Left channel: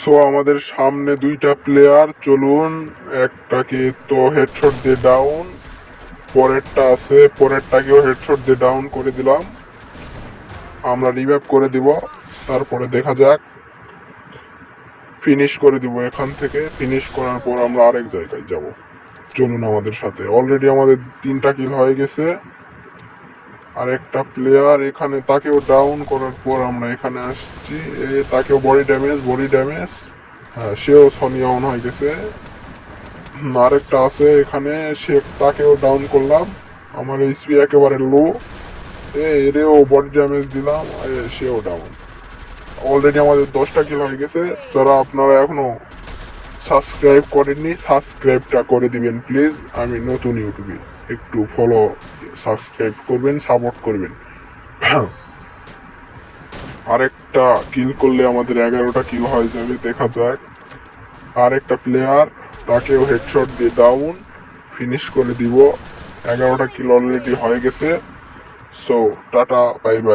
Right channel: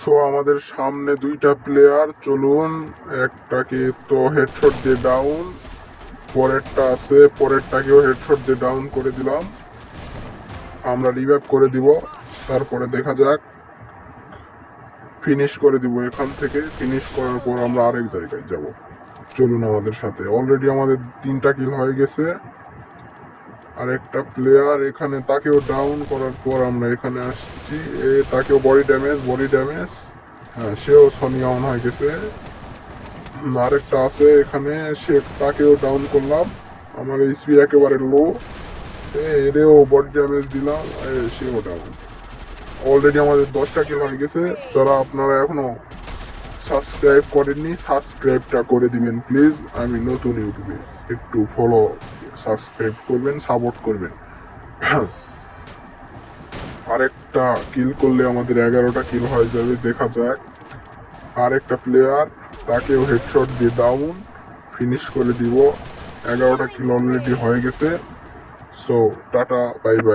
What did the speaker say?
So আমাদের সামনে দুইটা প্লেয়ার, চলুন একটাকে তো হেডশট দিয়ে ডাউন, পরেরটা আছে, পরেরটাকেও হেডশট দিয়ে ডাউন করে দিলাম। আমরা রিভাইভ করে দিব, তারপরে দেখা যাক, ফিনিশ করে দিব। এখান থেকে ফিনিশ করার পর আমরা আরেক জায়গায় যাব। চলুন আমাদের সাথে। অলরেডি আমাদের 3টা কিল হয়ে গেছে। আরেকটা প্লেয়ার এখানে, তাকেও ডাউন করার পর আমরা এখানে আসছি, তাকেও বডি ড্যামেজ। হ্যাঁ, সেও সনি অন হয়ে গেছে। আরেকটা আছে এখানে, সে তাকেও ডাউন করলাম। আমার এইচপি একেবারে লো, এরেও বডি ড্যামেজ দিলাম, সেও ডাউন। অলরেডি আমাদের 10টা কিল হয়ে গেছে। যারা আপনারা এখনো সাবস্ক্রাইব করেননি, সাবস্ক্রাইবটা করে দিবেন প্লিজ। আমি নতুন ইউটিউবে, একটু ফলো, সাবস্ক্রাইব করবেন, সাপোর্ট করবেন। আরেকটা কিল করলে আমাদের 11টা কিল হয়ে যাবে, দেখা যাক। আরেকটা প্লেয়ার, তাকেও হেডশট দিয়ে ডাউন, ফিনিশ করে দিব। 11টা কিল অলরেডি হয়ে গেছে। So tata, bye bye.